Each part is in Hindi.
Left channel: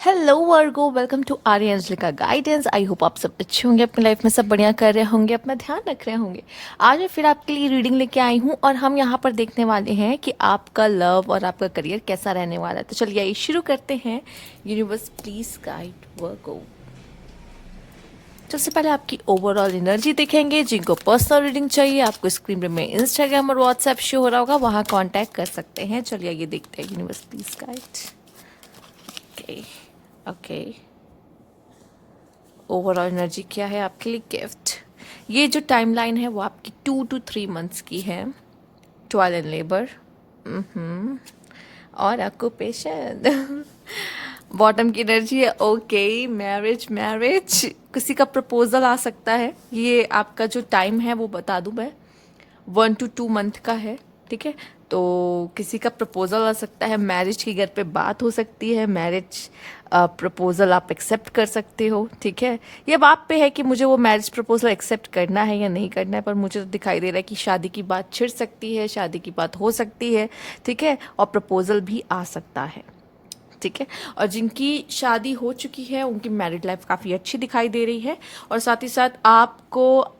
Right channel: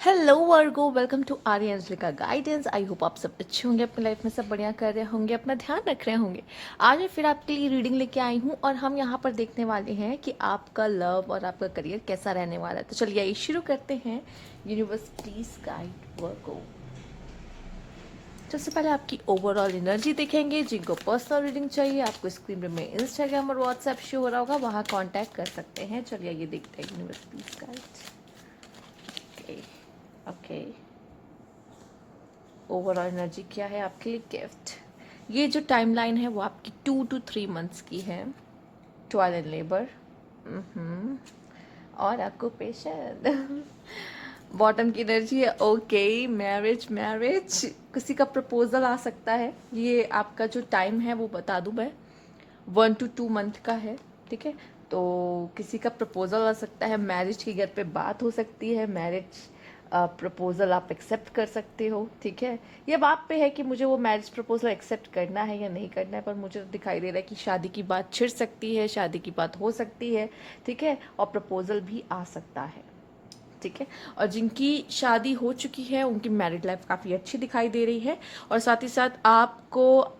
Hello Virgo, welcome to Arya Anjalika guidance. I hope आप सब अच्छे होंगे, अपनी लाइफ में सब बढ़िया कर रहे होंगे, अपना ध्यान रख रहे होंगे। आज मैं फिर आपके लिए रीडिंग लेके आई हूँ और हम यहाँ पर देखने वाले हैं कि आपका लव और आपका करियर कैसा रहने वाला है। तो चलिए आइए शुरू करते हैं। यूनिवर्स प्लीज गाइड वर्गो। सबसे पहले आपकी ओवरऑल एनर्जी देखेंगे। जिनको पर्सनल रीडिंग चाहिए, आपको स्क्रीन पे में इंस्टाग्राम और व्हाट्सएप शो हो रहा होगा, वहाँ कॉन्टैक्ट कर सकते हैं। चलिए ये देखते हैं। Universe please guide. Okay okay, overall energy क्या है आपके लिए? गिफ्ट। ये जो टाइमलाइन है वो आपकी 2 to 3 मंथ्स की है। ट्वेल्व एंड लेबर और ऑक्यूपेशन। बॉटम की एनर्जी है ओके, मैरिज मैरिज, किसी का प्रपोजल आ सकता है। ये आपका जो टाइम है वो बता दूं मैं, 1 to 2 मंथ का है। ठीक है, तो किसी का प्रपोजल आ सकता है, मैरिज की घर पे बात हो सकती है, मैरिज प्रपोजल आप एक्सेप्ट कर सकते हो। ठीक है, ये अब आप पे है कि मुझे वो मैरिज प्रपोजल एक्सेप्ट करना है या नहीं करना है, पर मुझे तो दिखाई दे रहा है कि शादी की बात छिड़ सकती है, शादी की बात हो सकती है। ठीक है, और प्रपोजल भी आ सकता है। ठीक है, और जिनकी शादी हो चुकी है उनकी मैरिड लाइफ काफ़ी अच्छी दिखाई दे रही है। और साथ ही साथ आपको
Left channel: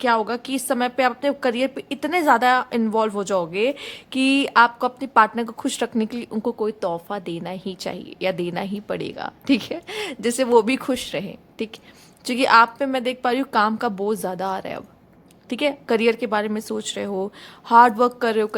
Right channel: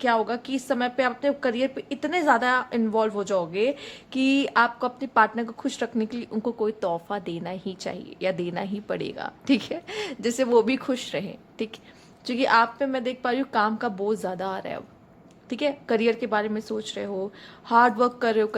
क्या होगा कि इस समय पे आप अपने करियर पे इतने ज़्यादा इन्वॉल्व हो जाओगे कि आपको अपने पार्टनर को खुश रखने के लिए उनको कोई तोहफा देना ही चाहिए या देना ही पड़ेगा। ठीक है, जिससे वो भी खुश रहे। ठीक, क्योंकि आप पे मैं देख पा रही हूँ काम का बोझ ज़्यादा आ रहा है अब। ठीक है, करियर के बारे में सोच रहे हो, हार्ड वर्क कर रहे हो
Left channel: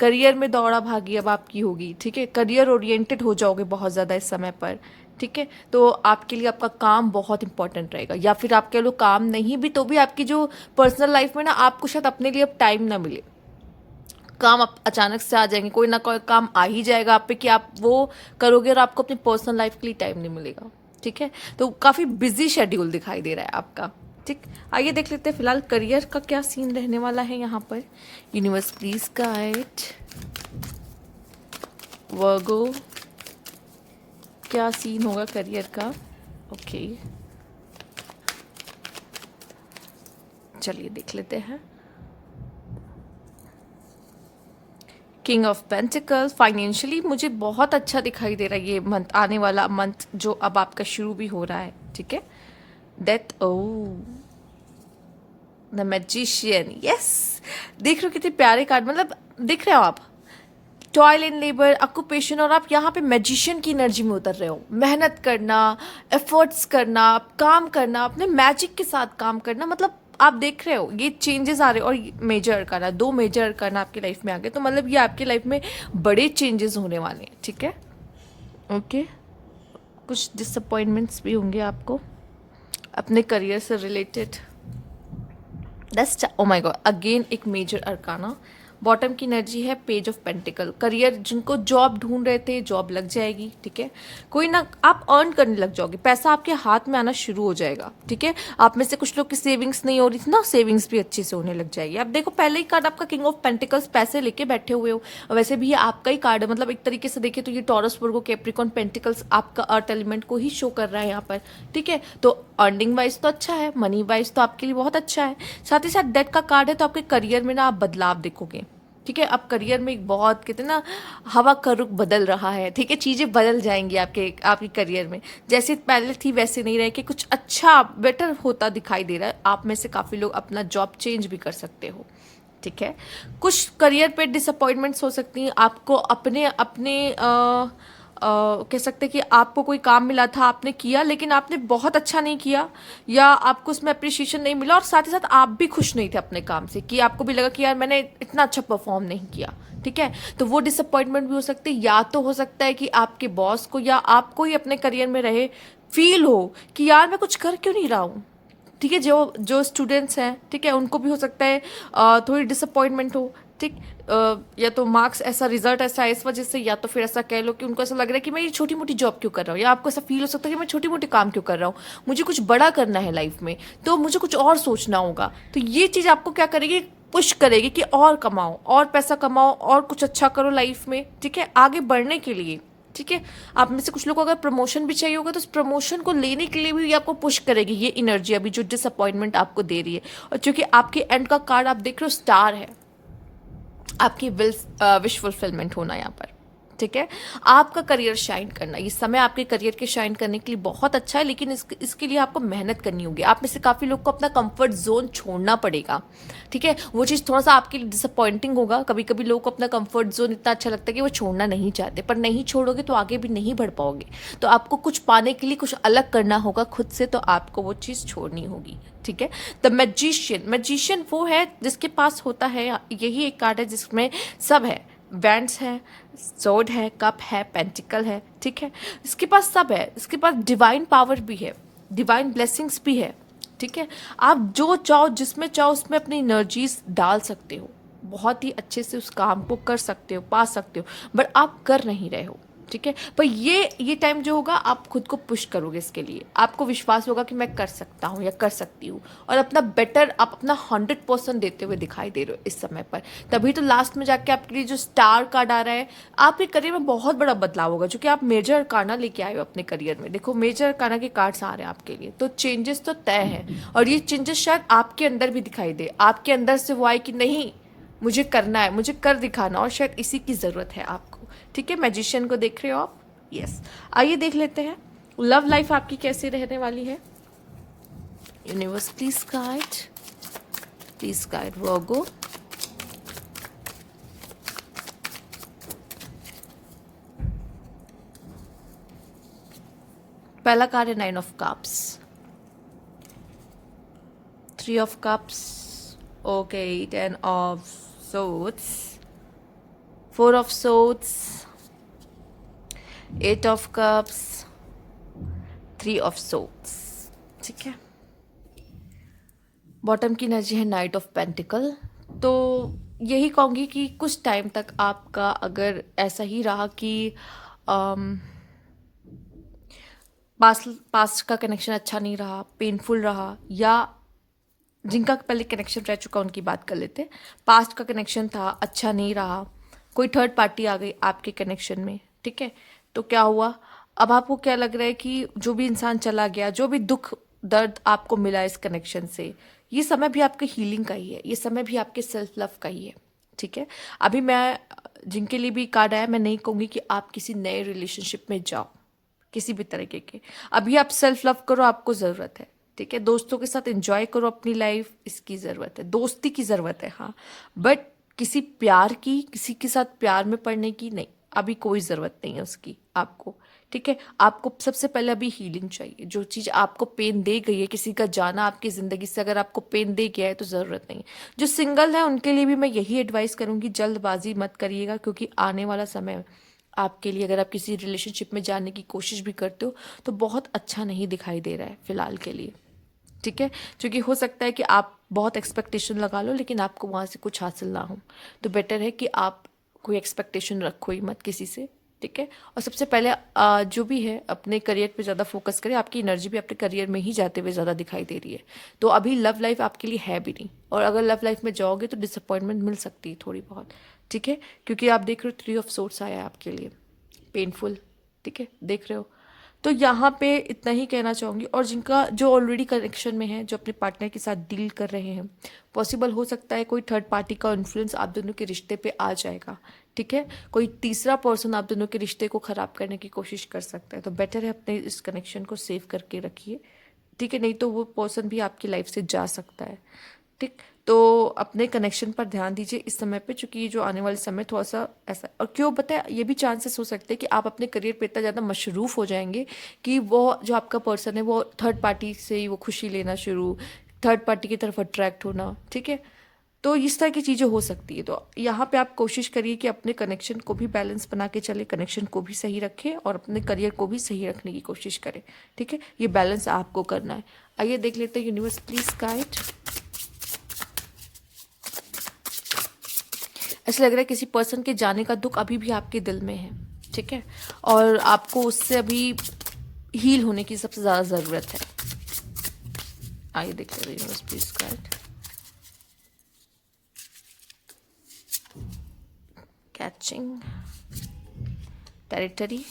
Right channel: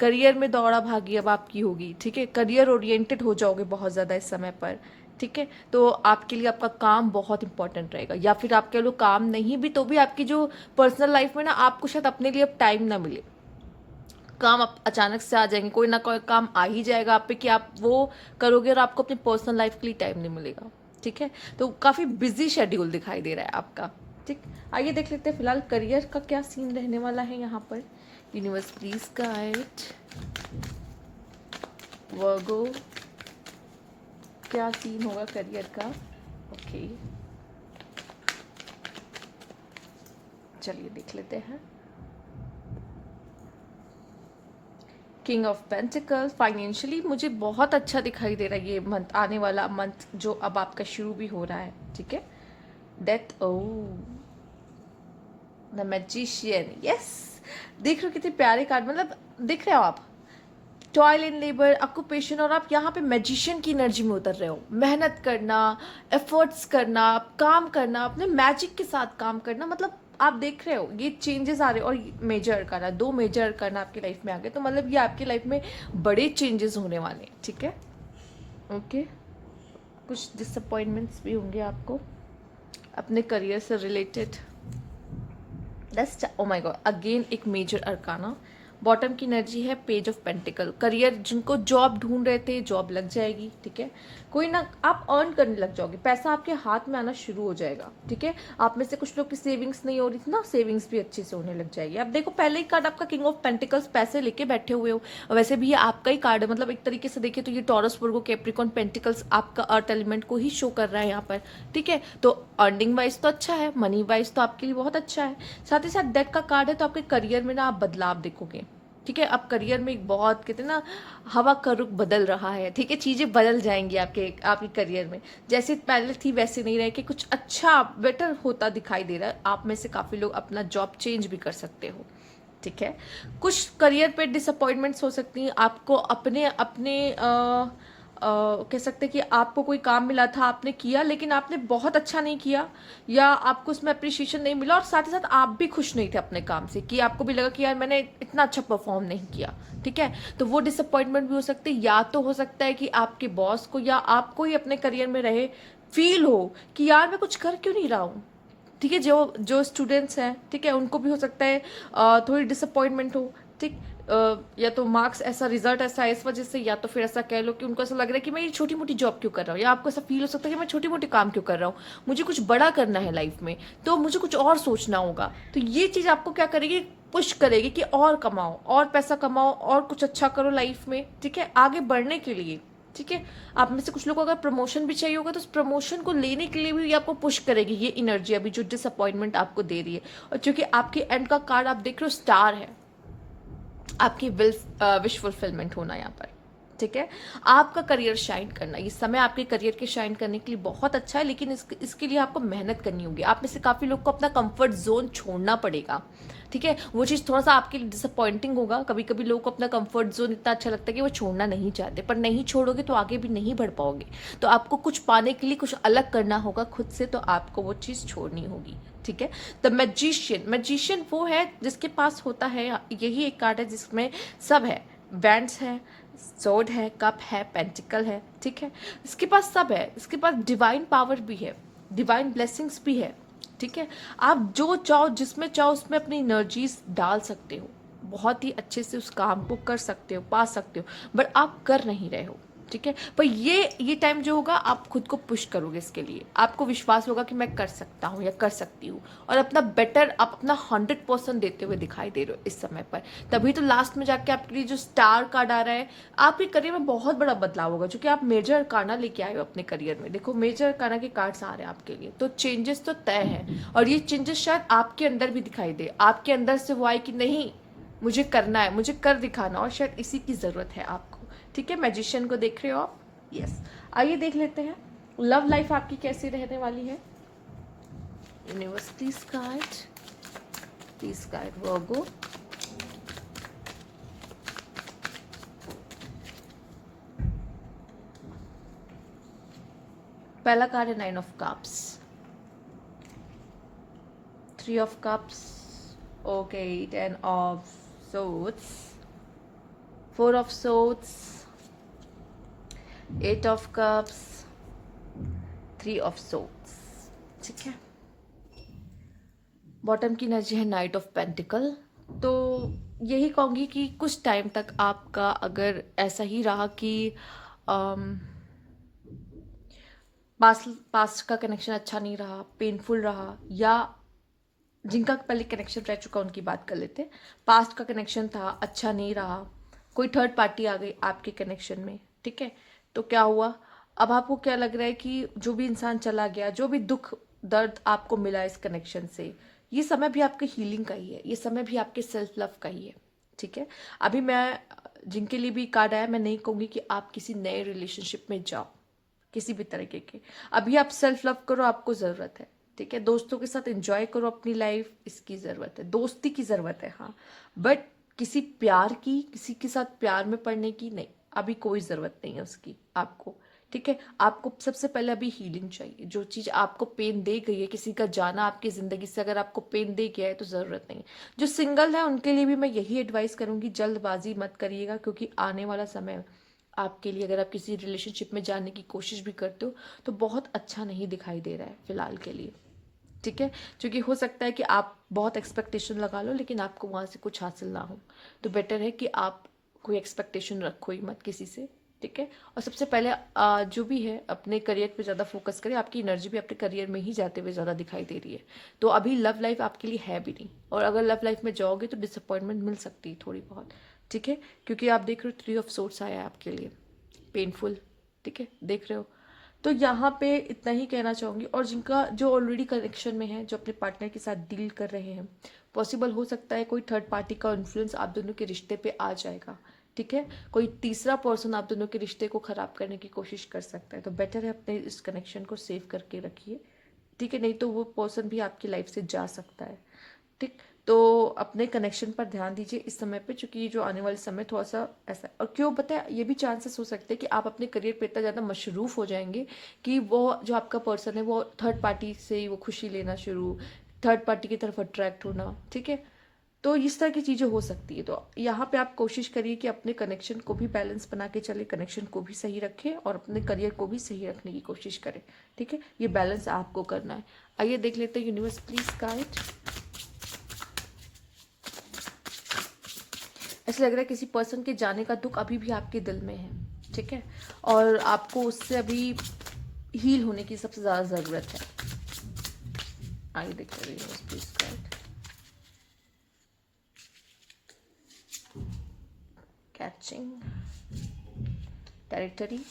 करियर में दौड़ा भागी अब आपकी होगी। ठीक है, करियर ओरिएंटेड हो जाओगे बहुत ज़्यादा इस समय पर। ठीक है, तो आपके लिए आपका काम बहुत इंपॉर्टेंट रहेगा, या फिर आपके लोग काम नहीं भी तो भी आपकी जो पर्सनल लाइफ में ना आपको शायद अपने लिए अब टाइम ना मिले। काम आप अचानक से आ जाएंगे, कोई ना कोई काम आ ही जाएगा आप पे कि आप वो करोगे और आपको अपनी पर्सनल लाइफ के लिए टाइम नहीं मिलेगा। ठीक है, तो काफ़ी बिजी शेड्यूल दिखाई दे रहा है आपका। ठीक, आइए देख लेते हैं फिलहाल करियर का क्या सीन रहने वाला है यहाँ पर। यूनिवर्स प्लीज गाइड वर्गो, क्या सीन होगा करियर का? ओके, चलिए देख लेते हैं। किंग ऑफ पेंटिकल्स, फाइनेंशियली मुझे बहुत अच्छा दिखाई दे रहा है ये मंथ, आने वाला मंथ जो अब आपका शुरू भी हो रहा है। ठीक है, death, oh the magician, yes. देख रहे हो कितने प्यारे कार्ड, मतलब दिख रहे हो आप, टॉयल एंड लेबर, ऑक्यूपेशन, और आप यहाँ पे मैजिशियन की एनर्जी में उतर रहे हो। मेहनत करना, एफर्ट्स करना, काम करना, अपने मैजिक के साथ काम करना, मतलब आप देख रहे हो ये चेंजेस आ रहे हो। और मेजर करना, 2 मेजर करना आपकी लाइफ में आ गए, तो मतलब ये आपकी लाइफ में बड़े चेंजेस होने वाले हैं। ठीक है, ओके, कुछ डिसअपॉइंटमेंट्स भी होंगे आपको अपने करियर से related. Oh my God, again एक मेजर अरकाना। बॉटम की एनर्जी है पेज ऑफ पेंटिकल। करियर, जिनको जॉब ढूंढ रहे थे जॉब लग जाएगी। ठीक है, कोई ना आप अर्न करने लग जाओगे, पैसा आपके हाथ में आना शुरू हो जाएगा। ठीक है, आप में से कुछ लोग की सेविंग्स नहीं हो रही थी ना, सेविंग्स भी अच्छे से होने लग जाएगी। आप देखो पहले ही कार्ड आपका किंग ऑफ पेंटिकल्स, पैसे लेके बैठे हुए हो। वैसे भी ये आपका ही कार्ड है, मतलब एक तरीके से देखे तो ये टॉरस, वर्गो, कैप्रिकॉर्न, पेंटिकल्स आपका अर्थ एलिमेंट को ही शो कर रहा है यहाँ पर। ठीक है, तो अर्निंग वाइज तो अच्छा है, मनी वाइज तो आपके लिए बहुत अच्छा है। साथ ही साथ डेथ का कार्ड है, तो आपके करियर में ना आप बदलाव देखोगे। ठीक है, अब करियर में एक बहुत कहते हैं ना, हवा का रुख बदल रहा है। ठीक है, चीज़ें बदल जाएंगी आपके करियर में, जैसे पहले थी वैसे नहीं रहे कि कुछ अच्छा बेटर होता दिखाई दे रहा है। आप में से काफ़ी लोग अपना जॉब चेंज भी कर सकते हो। ठीक है, कुछ करियर पे डिसअपॉइंटमेंट्स हो सकती हैं आपको, अपने अपने कह सकते हैं कि आपको कोई काम मिला था, आपने किया लेकिन आपने बहुत अच्छा नहीं किया, या आपको उसमें अप्रिशिएशन नहीं मिला, और साथ ही साथ आप भी खुश नहीं थे अपने काम से, कि आपको भी लगा कि यार मैंने इतना अच्छा परफॉर्म नहीं किया। ठीक है, तो वो डिसअपॉइंटमेंट भी हो सकती है, या तो हो सकता है कि आपके बॉस को या आपको ही अपने करियर में रहे फील हो कि यार मैं कुछ कर क्यों नहीं रहा हूँ। ठीक है, जो जो स्टूडेंट्स हैं, ठीक है, उनको भी हो सकता है थोड़ी डिसअपॉइंटमेंट हो। ठीक, या तो मार्क्स ऐसा, रिजल्ट ऐसा है इस वजह से, या तो फिर ऐसा कह लो कि उनको ऐसा लग रहा है कि मैं ये छोटी मोटी जॉब क्यों कर रहा हूँ, या आपको ऐसा फील हो सकता है कि मैं छोटी मोटी काम क्यों कर रहा हूँ, मुझे कुछ बड़ा करना है लाइफ में, तो मुझे कुछ और सोचना होगा। तो ये चीज़ आपको क्या करेगी, पुश करेगी कि और कमाओ, और पैसा कमाओ, और कुछ अच्छा करो लाइफ में। ठीक है, आगे बढ़ने के लिए। ठीक है, आप में से कुछ लोग को अगर प्रमोशन भी चाहिए होगा तो उस प्रमोशन को लेने के लिए भी ये आपको पुश करेगी, ये एनर्जी अभी जो डिसअपॉइंटमेंट आपको दे रही है। और चूंकि आपके एंड का कार्ड आप देख रहे हो स्टार है, आपकी विश फुलफिलमेंट होना यहाँ पर। ठीक है। आपका करियर शाइन करना, ये समय आपके करियर के शाइन करने के लिए बहुत अच्छा है, लेकिन इसके लिए आपको मेहनत करनी होगी। आप में से काफ़ी लोग को अपना कंफर्ट जोन छोड़ना पड़ेगा, ठीक है। वो चीज़ थोड़ा सा आपके लिए डिसअपॉइंटिंग होगा। कभी कभी लोगों को अपना कंफर्ट जोन इतना अच्छा लगता है कि वो छोड़ना नहीं चाहते, पर नहीं छोड़ोगे तो आगे भी नहीं बढ़ पाओगे। तो आपको कुछ पाने के लिए कुछ अलग करना होगा खुद से, तो आपको वो चीज़ छोड़नी होगी, ठीक है। द मैजिशियन वो है जिसके पास होता है, यही एक कार्ड है जिसमें सब है। बैंड्स है, सोड है, कप है, पेंटिकल है, ठीक है। इसके पास सब है, इसके पास डिवाइन पावर भी है, डिवाइन ब्लेसिंग्स भी है, ठीक है। आप जो चाहो, जिसमें चाहो उसमें अपनी एनर्जीज डाल सकते हो, बहुत ही अच्छे से उस काम को कर सकते हो, पा सकते हो, बट आप कर नहीं रहे हो, ठीक है। पर ये टाइम जो होगा आप खुद को पुश करोगे, इसके लिए आपको विश्वास होगा कि मैं कर सकता हूँ या कर सकती हूँ, और अपना बेटर, आप अपना 100% देते हुए दिखाई दे रहे हो इस समय पर। तभी तो लास्ट में जाके आपके लिए जो स्टार कार्ड आ रहा है, आपके करियर में बहुत बड़ा बदलाव होगा, क्योंकि आप मेजर कार्ना लेके आए हो अपने करियर में। देखो मेजर कार्ना के कार्ड्स आ रहे हैं आपके लिए, तो चेंजेस तो तय है, और ये चेंजेस शायद आपके अंदर भी दिखाई दे, आपके अंदर से वो आए कि नहीं मुझे करना है, मुझे कर दिखाना, और शायद इसी की ज़रूरत है आपको, ठीक है। मैजिशियन को देख रहे हो आप, यस। आइए देख लेते हैं लव लाइफ आपकी कैसी रहने वाली है। यूनिवर्स प्लीज गाइड वर्गो। पहला कार्ड है 9 of cups, 3 of cups, okay, 10 of swords, 4 of swords, 8 of cups, 3 of swords, ठीक है। बॉटम की एनर्जी है नाइट ऑफ पेंटिकल। तो यही कहूँगी कि कुछ टाइम तक आपका अगर ऐसा ही रहा कि पास्ट का कनेक्शन अच्छा नहीं रहा, पेनफुल रहा, या जिनका पहले कनेक्शन रह चुका उनकी बात कर लेते हैं। पास्ट का कनेक्शन था, अच्छा नहीं रहा, कोई थर्ड पार्टी आ गई आपके कनेक्शन में, ठीक है। तो क्या हुआ, अब आपको क्या लग रहा है कि जो भी इंसान चला गया, जो भी दुख दर्द आपको मिला इस कनेक्शन से, ये समय भी आपके हीलिंग का ही है, ये समय भी आपके सेल्फ लव का ही है, ठीक है। अभी मैं जिनके लिए भी कार्ड आया, मैं नहीं कहूँगी कि आप किसी नए रिलेशनशिप में जाओ किसी भी तरीके के। अभी आप सेल्फ लव करो, आपको ज़रूरत है, ठीक है। दोस्तों के साथ एंजॉय करो अपनी लाइफ, इसकी ज़रूरत है, दोस्ती की ज़रूरत है, हाँ, बट किसी प्यार की, किसी के साथ प्यार में पड़ने की नहीं, अभी कोई ज़रूरत नहीं है उसकी आपको, ठीक है। आपको सबसे पहले अभी हीलिंग चाहिए। जो चीज़ आपको पेन दे गई है, किसी का जाना आपकी ज़िंदगी से अगर आपको पेन दे गया है तो ज़रूरत नहीं। जो सिंगल है उनके लिए भी मैं यही एडवाइस करूँगी, जल्दबाजी मत करिएगा, क्योंकि आने वाला समय आपके लिए, अगर आप किसी रिलेशनशिप में जाने की कोशिश भी करते हो तो बहुत अच्छा नहीं दिखाई दे रहा है फिलहाल के लिए, ठीक है। क्योंकि हो सकता है कि आप बहुत एक्सपेक्टेशन लगा लो लेकिन आपको वहाँ से कुछ हासिल ना हो, तो बेटर है कि आप कोई एक्सपेक्टेशन रखो ही मत किसी से, ठीक है। और सबसे पहले जो भी है अपने करियर पे ज़्यादा फोकस करें। आपकी एनर्जी भी अपने करियर में ही जाते हुए ज़्यादा दिखाई दे रही है, तो अभी लव लाइफ आपके लिए है भी नहीं, और अगर लव लाइफ में जाओगे तो डिसअपॉइंटमेंट मिल सकती है थोड़ी बहुत, ठीक है। क्योंकि आप देख रहे हो 3 ऑफ सोर्ड्स आया है आपके लिए, पेनफुल, ठीक है, देख रहे हो। तो यहाँ पे इतना ही कहना चाहूँगी। और जिनका जो ऑलरेडी कनेक्शन में है, जो अपने पार्टनर के साथ डील कर रहे हैं, पॉसिबल हो सकता है कोई थर्ड पार्टी का इन्फ्लुएंस आप दोनों के रिश्ते पे आ जाएगा, ठीक है। कोई तीसरा पर्सन आप दोनों के रिश्ते को ख़राब करने की कोशिश कर सकता है, तो बेटर है अपने इस कनेक्शन को सेव करके रखिए, ठीक है। नहीं तो वो पर्सन भी आपकी लाइफ से जा सकता है, ठीक। तो अपने कनेक्शन पर ध्यान दीजिए इस समय पे, चूंकि ये जो आने वाले समय थोड़ा सा ऐसा, और क्यों बताए, ये भी चांसेस हो सकते हैं कि आप अपने करियर पे इतना ज़्यादा मशरूफ़ हो जाएंगे कि वो जो आपका पर्सन है वो थर्ड पार्टी से ही वो खुशी लेना शुरू, थर्ड पार्टी की तरफ अट्रैक्ट होना, ठीक है। तो इस तरह की चीज़ें हो सकती है। तो यहाँ पे आप कोशिश करिए कि अपने कनेक्शन को भी बैलेंस बना के चले, कनेक्शन को भी सही रखें और अपने करियर को भी सही रखने की कोशिश करें, ठीक है। ये बैलेंस आपको करना है। आइए देख लेते हैं यूनिवर्स प्लीज गाइड। ऐसा लग रहा है किसी पर्सन के जाने का दुख अभी भी आपके दिल में है, ठीक है, और आपको उससे अभी हील होने की सबसे ज़्यादा ज़रूरत है। आइए देखते हैं universe please guide. Catching, territory,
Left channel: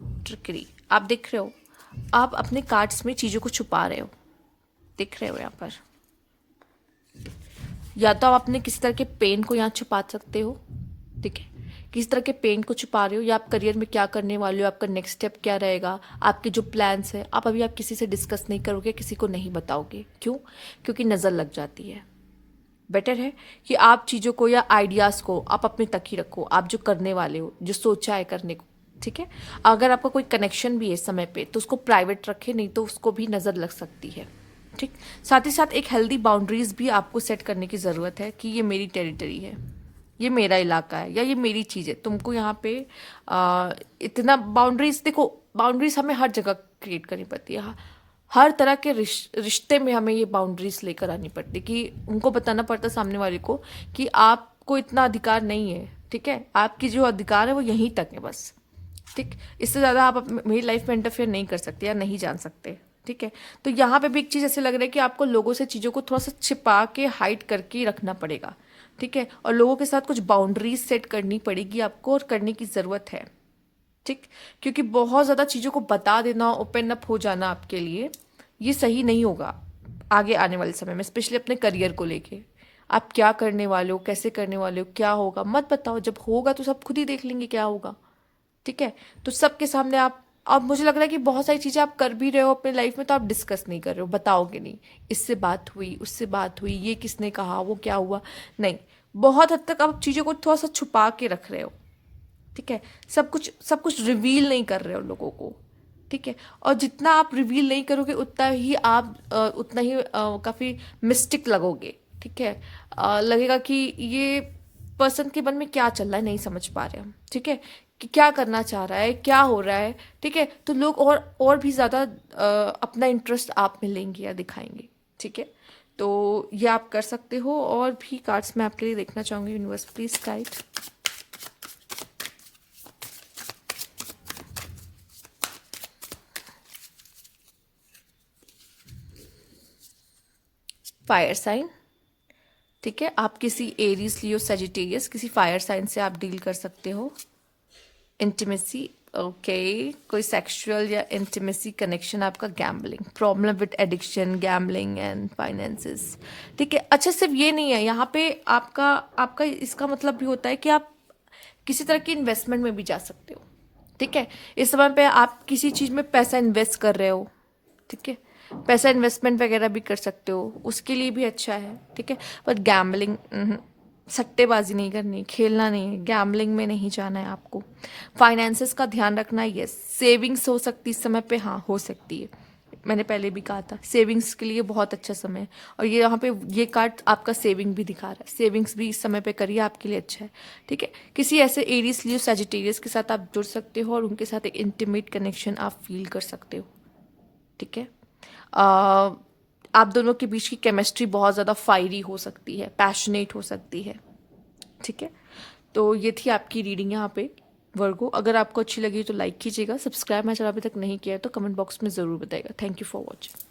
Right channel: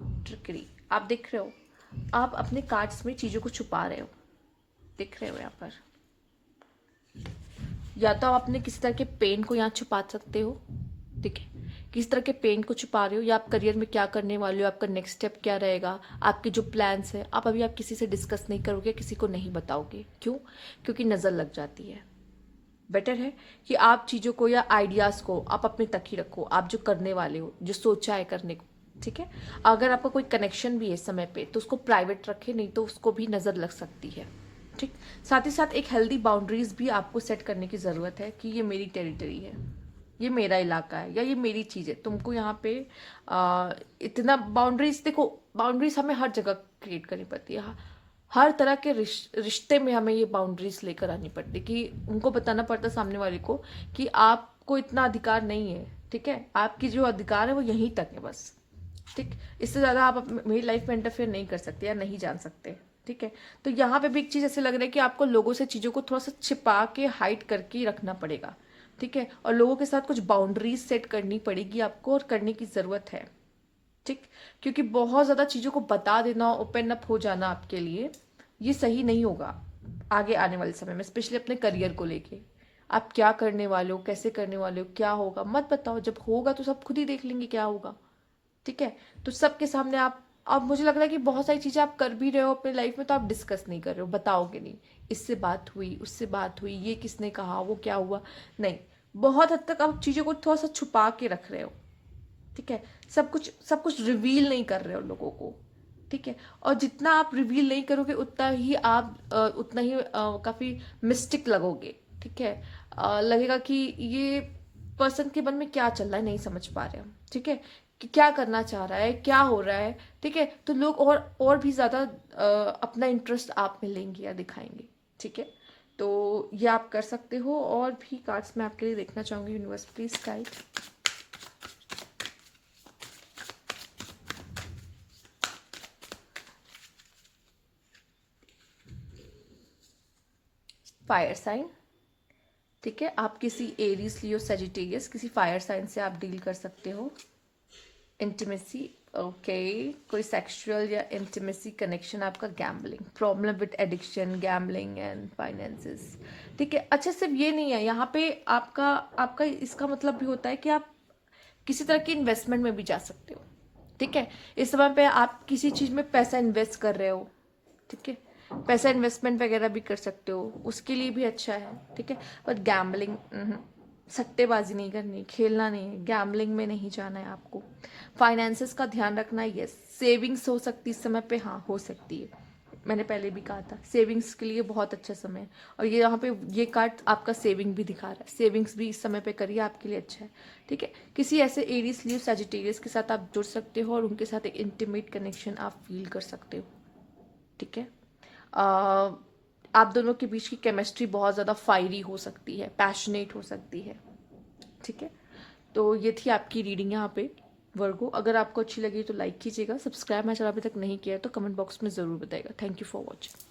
trickery. आप देख रहे हो, आप अपने कार्ड्स में चीज़ों को छुपा रहे हो, दिख रहे हो यहाँ पर। या तो आप अपने किसी तरह के पेन को यहाँ छुपा सकते हो, ठीक है, किस तरह के पेन को छुपा रहे हो, या आप करियर में क्या करने वाले हो, आपका नेक्स्ट स्टेप क्या रहेगा, आपके जो प्लान्स है आप अभी आप किसी से डिस्कस नहीं करोगे, किसी को नहीं बताओगे। क्यों? क्योंकि नज़र लग जाती है। बेटर है कि आप चीज़ों को या आइडियाज़ को आप अपने तक ही रखो, आप जो करने वाले हो, जो सोचा है करने को, ठीक है। अगर आपका कोई कनेक्शन भी है समय पे तो उसको प्राइवेट रखे, नहीं तो उसको भी नज़र लग सकती है, ठीक। साथ ही साथ एक हेल्दी बाउंड्रीज भी आपको सेट करने की ज़रूरत है कि ये मेरी टेरिटरी है, ये मेरा इलाका है, या ये मेरी चीज़ है। तुमको यहाँ पे इतना बाउंड्रीज, देखो बाउंड्रीज हमें हर जगह क्रिएट करनी पड़ती है। हर तरह के रिश्ते में हमें ये बाउंड्रीज लेकर आनी पड़ती, कि उनको बताना पड़ता सामने वाले को कि आपको इतना अधिकार नहीं है, ठीक है, आपकी जो अधिकार है वो यहीं तक है बस, ठीक। इससे ज़्यादा आप मेरी लाइफ में इंटरफेयर नहीं कर सकते या नहीं जान सकते, ठीक है। तो यहाँ पे भी एक चीज़ ऐसे लग रहा है कि आपको लोगों से चीज़ों को थोड़ा सा छिपा के हाइड करके ही रखना पड़ेगा, ठीक है। और लोगों के साथ कुछ बाउंड्रीज सेट करनी पड़ेगी आपको, और करने की ज़रूरत है, ठीक। क्योंकि बहुत ज़्यादा चीज़ों को बता देना, ओपन अप हो जाना आपके लिए ये सही नहीं होगा आगे आने वाले समय में, स्पेशली अपने करियर को लेके। आप क्या करने वाले हो, कैसे करने वाले हो, क्या होगा मत बताओ, जब होगा तो सब खुद ही देख लेंगे क्या होगा, ठीक है। तो सबके सामने आप, अब मुझे लग रहा है कि बहुत सारी चीज़ें आप कर भी रहे हो अपने लाइफ में तो आप डिस्कस नहीं कर रहे हो, बताओगे नहीं, इससे बात हुई, उससे बात हुई, ये किसने कहा, वो क्या हुआ, नहीं। बहुत हद तक आप चीज़ों को थोड़ा सा छुपा के रख रहे हो, ठीक है। सब कुछ रिवील नहीं कर रहे हो लोगों को, ठीक है। और जितना आप रिवील नहीं करोगे उतना ही आप काफ़ी मिस्टिक लगोगे, ठीक है। लगेगा कि ये पर्सन के मन में क्या चल रहा है नहीं समझ पा रहे हम, ठीक है, कि क्या करना चाह रहा है, क्या हो रहा है, ठीक है। तो लोग और भी ज़्यादा अपना इंटरेस्ट आप में लेंगे या दिखाएंगे, ठीक है। तो ये आप कर सकते हो। और भी कार्ड्स मैं आपके लिए देखना चाहूँगी। Universe please guide. Fire sign, ठीक है। आप किसी एरीज, लियो, सेजिटेरियस, किसी फायर साइन से आप डील कर सकते हो। इंटीमेसी, ओके, कोई सेक्सुअल या इंटीमेसी कनेक्शन आपका। Gambling, problem with addiction, gambling and finances, ठीक है। अच्छा, सिर्फ ये नहीं है यहाँ पे, आपका आपका इसका मतलब भी होता है कि आप किसी तरह की इन्वेस्टमेंट में भी जा सकते हो, ठीक है। इस समय पे आप किसी चीज़ में पैसा इन्वेस्ट कर रहे हो, ठीक है, पैसा इन्वेस्टमेंट वगैरह भी कर सकते हो, उसके लिए भी अच्छा है, ठीक है। पर गैम्बलिंग, सट्टेबाजी नहीं करनी, खेलना नहीं है, गैम्बलिंग में नहीं जाना है आपको। फाइनेंसेस का ध्यान रखना है, यस। सेविंग्स हो सकती इस समय पे, हाँ हो सकती है, मैंने पहले भी कहा था सेविंग्स के लिए बहुत अच्छा समय है। और ये यहाँ पे ये कार्ड आपका सेविंग भी दिखा रहा है, सेविंग्स भी इस समय पे करिए, आपके लिए अच्छा है, ठीक है। किसी ऐसे एरीज, लियो, सजिटेरियस के साथ आप जुड़ सकते हो और उनके साथ एक इंटीमेट कनेक्शन आप फील कर सकते हो, ठीक है। आप दोनों के बीच की केमिस्ट्री बहुत ज़्यादा फायरी हो सकती है, पैशनेट हो सकती है, ठीक है। तो ये थी आपकी रीडिंग यहाँ पे वर्गो। अगर आपको अच्छी लगी तो लाइक कीजिएगा, सब्सक्राइब मेरा चैनल अभी तक नहीं किया है तो कमेंट बॉक्स में ज़रूर बताइएगा। Thank you for watching.